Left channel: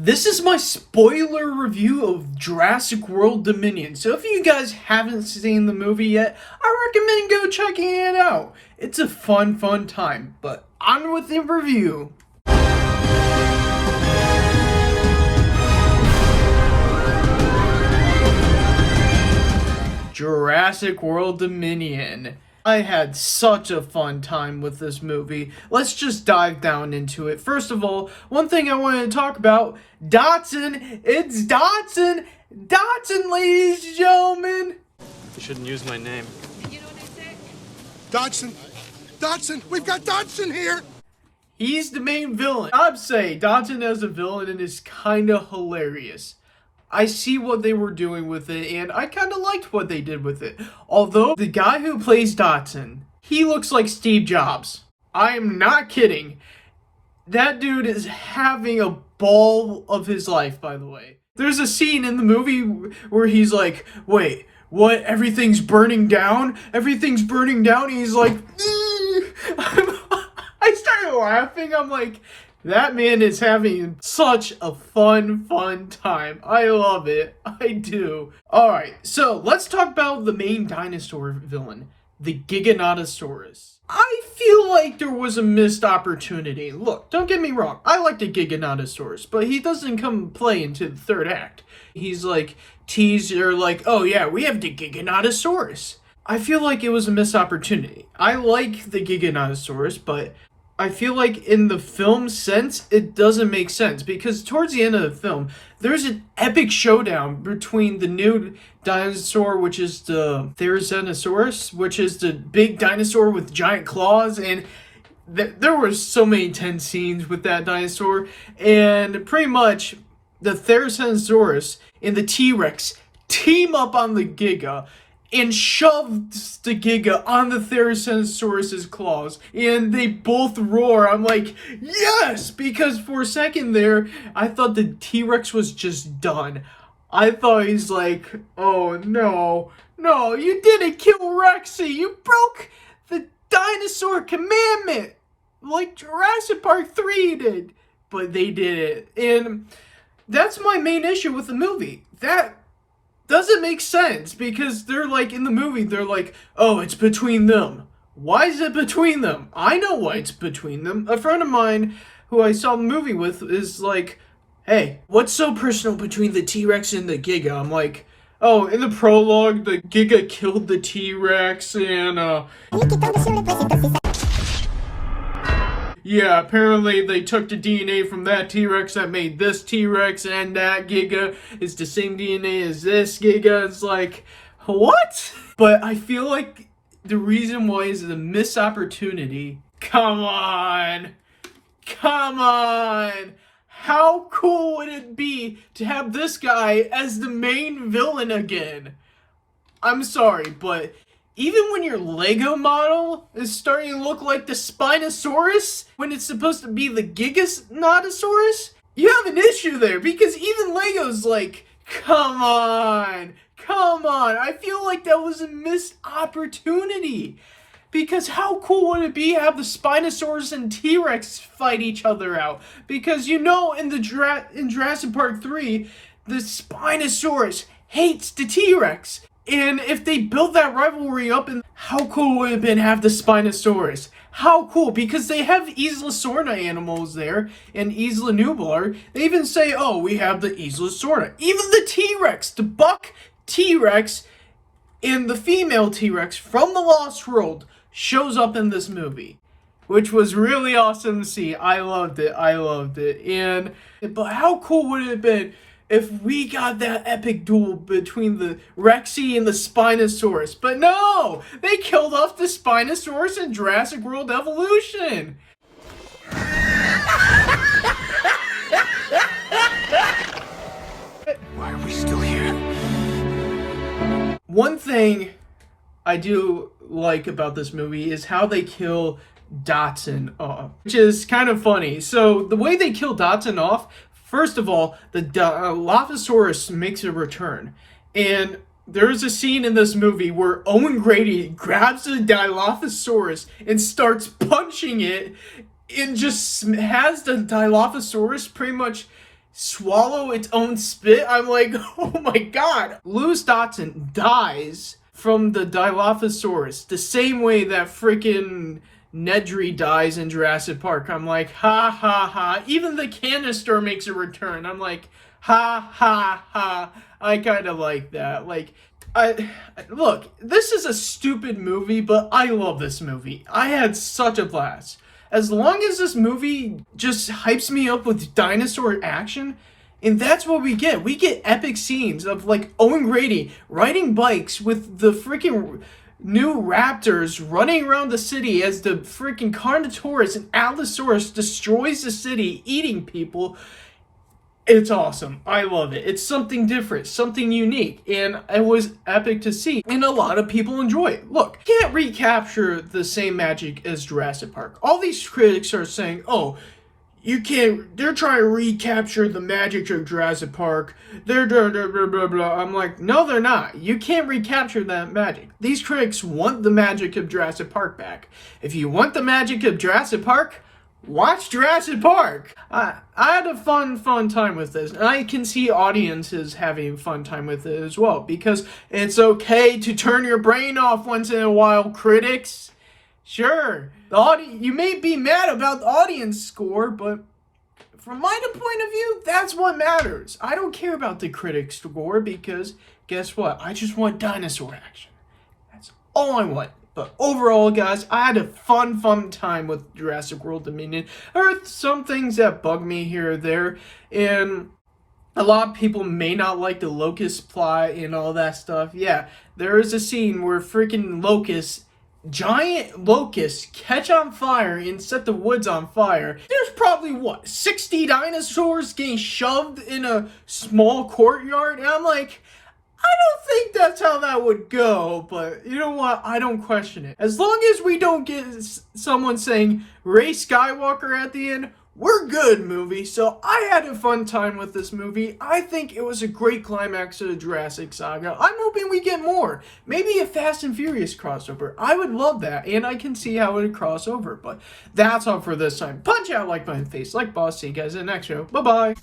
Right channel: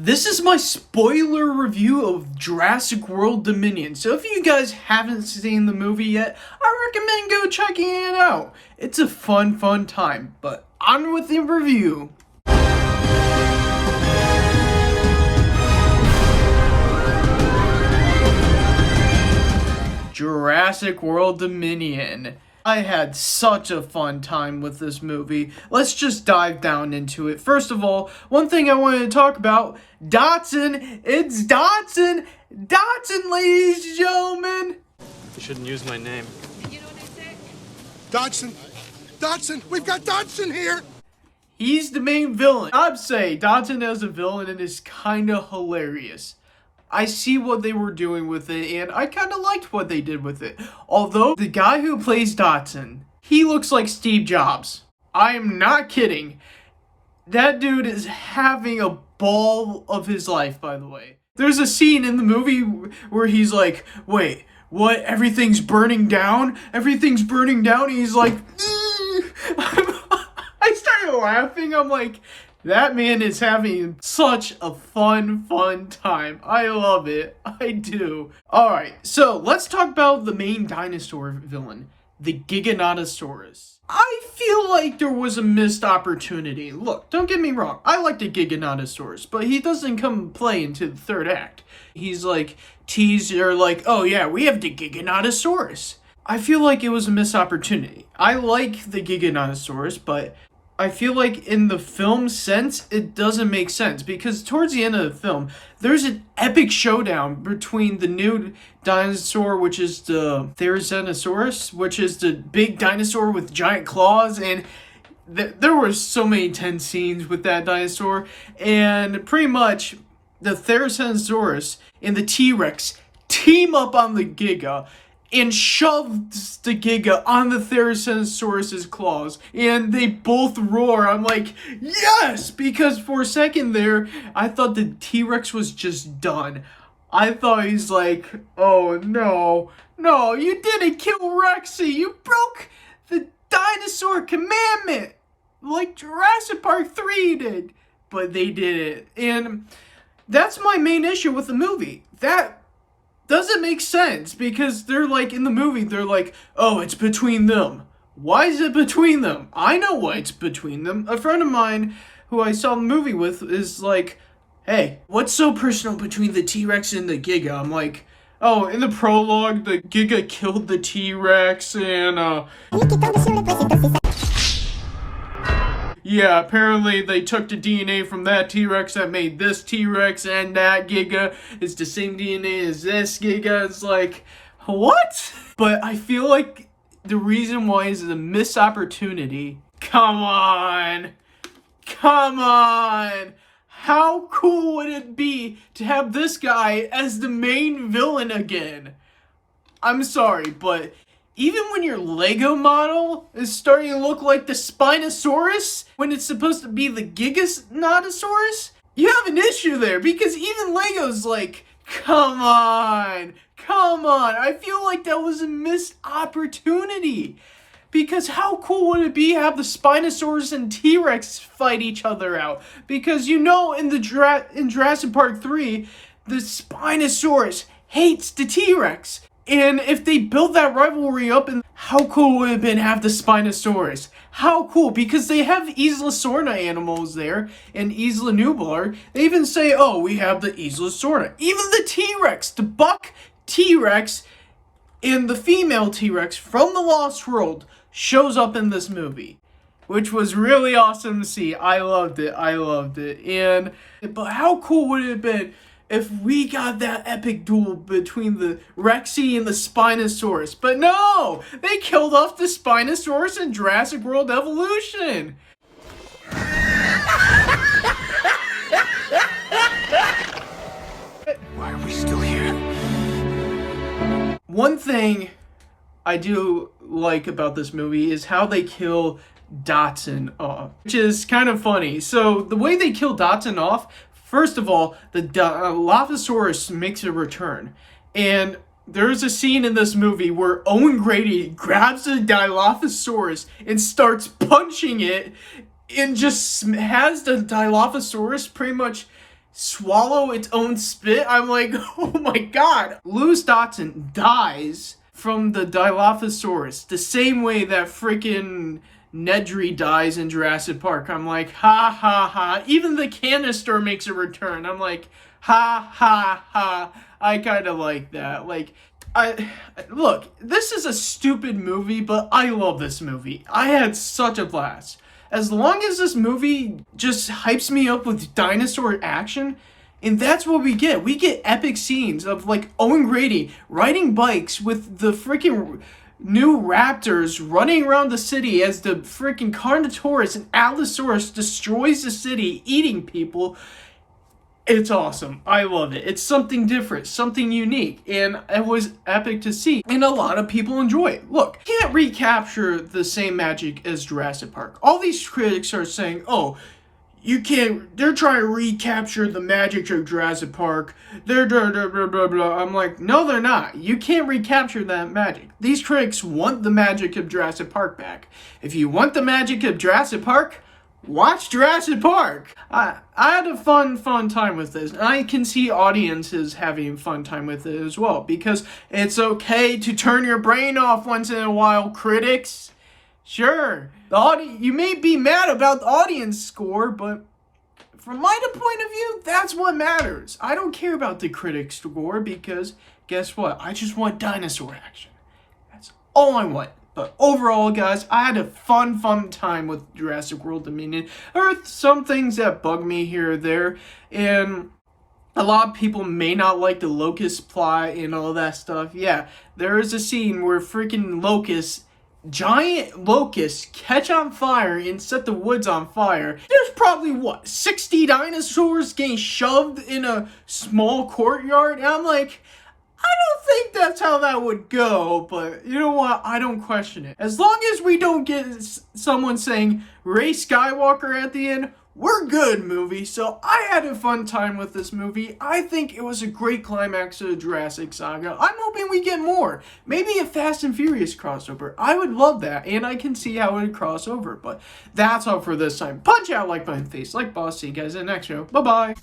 This is my spoiler review of Jurassic World Dominion. So if you guys haven't seen the movie yet, I recommend go checking it out. It's a fun time. But on with the review. Jurassic World Dominion. I had such a fun time with this movie. Let's just dive down into it. First of all, one thing I wanted to talk about, Dodson. It's Dodson. Dodson, ladies and gentlemen. You shouldn't use my name. You know what they say? Dodson! Dodson! We've got Dodson here! He's the main villain. I'd say Dodson as a villain is kind of hilarious. I see what they were doing with it, and I kind of liked what they did with it. Although, the guy who plays Dodson, he looks like Steve Jobs. I am not kidding. That dude is having a ball of his life, by the way. There's a scene in the movie where he's like, wait, what? Everything's burning down? Everything's burning down? And he's like, I started laughing. I'm like, that man is having such a fun time. I love it. I do. Alright, so let's talk about the main dinosaur villain, the Giganotosaurus. I feel like there was a missed opportunity. Look, don't get me wrong. I like the Giganotosaurus, but he doesn't come play into the third act. He's like teaser, like, oh yeah, we have the Giganotosaurus. I feel like it was a missed opportunity. I like the Giganotosaurus, but I feel like in the film sense, it doesn't make sense because towards the end of the film, there's an epic showdown between the new dinosaur, which is the Therizinosaurus, which is the big dinosaur with giant claws, and there were so many tense scenes with that dinosaur, and pretty much the Therizinosaurus and the T-Rex team up on the Giga and shoved the Giga on the Therizinosaurus's claws, and they both roar. I'm like, yes! Because for a second there, I thought the T-Rex was just done. I thought he's like, oh no, you didn't kill Rexy! You broke the dinosaur commandment! Like Jurassic Park 3 did. But they did it. And that's my main issue with the movie. That doesn't make sense because they're like in the movie, they're like, oh, it's between them. Why is it between them? I know why it's between them. A friend of mine who I saw the movie with is like, hey, what's so personal between the T-Rex and the Giga? I'm like, oh, in the prologue, the Giga killed the T-Rex and yeah, apparently they took the DNA from that T-Rex that made this T-Rex, and that Giga is the same DNA as this Giga. It's like, what? But I feel like the reason why is a missed opportunity. Come on! How cool would it be to have this guy as the main villain again? I'm sorry, but even when your Lego model is starting to look like the Spinosaurus, when it's supposed to be the Giganotosaurus, you have an issue there, because even Lego's like, come on. I feel like that was a missed opportunity. Because how cool would it be to have the Spinosaurus and T-Rex fight each other out? Because you know in Jurassic Park 3, the Spinosaurus hates the T-Rex. And if they built that rivalry up, and how cool would it have been to have the Spinosaurus? How cool, because they have Isla Sorna animals there, and Isla Nublar. They even say, oh, we have the Isla Sorna. Even the T-Rex, the buck T-Rex, and the female T-Rex from the Lost World shows up in this movie, which was really awesome to see. I loved it. But how cool would it have been if we got that epic duel between the Rexy and the Spinosaurus? But no! They killed off the Spinosaurus in Jurassic World Evolution! Why are we still here? One thing I do like about this movie is how they kill Dodson off, which is kind of funny. So the way they kill Dodson off, first of all, the Dilophosaurus makes a return. And there's a scene in this movie where Owen Grady grabs the Dilophosaurus and starts punching it and just has the Dilophosaurus pretty much swallow its own spit. I'm like, oh my god. Lewis Dotson dies from the Dilophosaurus the same way that freaking Nedry dies in Jurassic Park. I'm like, ha ha ha. Even the canister makes a return. I'm like, ha ha ha. I kind of like that. Like, look, this is a stupid movie, but I love this movie. I had such a blast. As long as this movie just hypes me up with dinosaur action, and that's what we get. We get epic scenes of like Owen Grady riding bikes with the freaking new raptors running around the city as the freaking Carnotaurus and Allosaurus destroys the city, eating people. It's awesome. I love it. It's something different, something unique, and it was epic to see, and a lot of people enjoy it. Look, you can't recapture the same magic as Jurassic Park. All these critics are saying, oh, you can't, they're trying to recapture the magic of Jurassic Park. They're blah, blah, blah, blah, blah. I'm like, no, they're not. You can't recapture that magic. These critics want the magic of Jurassic Park back. If you want the magic of Jurassic Park, watch Jurassic Park. I had a fun time with this, and I can see audiences having a fun time with it as well, because it's okay to turn your brain off once in a while, critics. Sure, you may be mad about the audience score, but from my point of view, that's what matters. I don't care about the critic score, because guess what? I just want dinosaur action. That's all I want. But overall, guys, I had a fun time with Jurassic World Dominion. There are some things that bug me here or there, and a lot of people may not like the locust plot and all that stuff. Yeah, there is a scene where freaking giant locusts catch on fire and set the woods on fire. There's probably, 60 dinosaurs getting shoved in a small courtyard? And I'm like, I don't think that's how that would go, but you know what? I don't question it. As long as we don't get someone saying Rey Skywalker at the end, we're good, movie. So I had a fun time with this movie. I think it was a great climax to the Jurassic saga. I'm hoping we get more. Maybe a Fast and Furious crossover. I would love that, and I can see how it would cross over. But that's all for this time. Punch out like my face, like boss. See you guys in the next show. Bye-bye.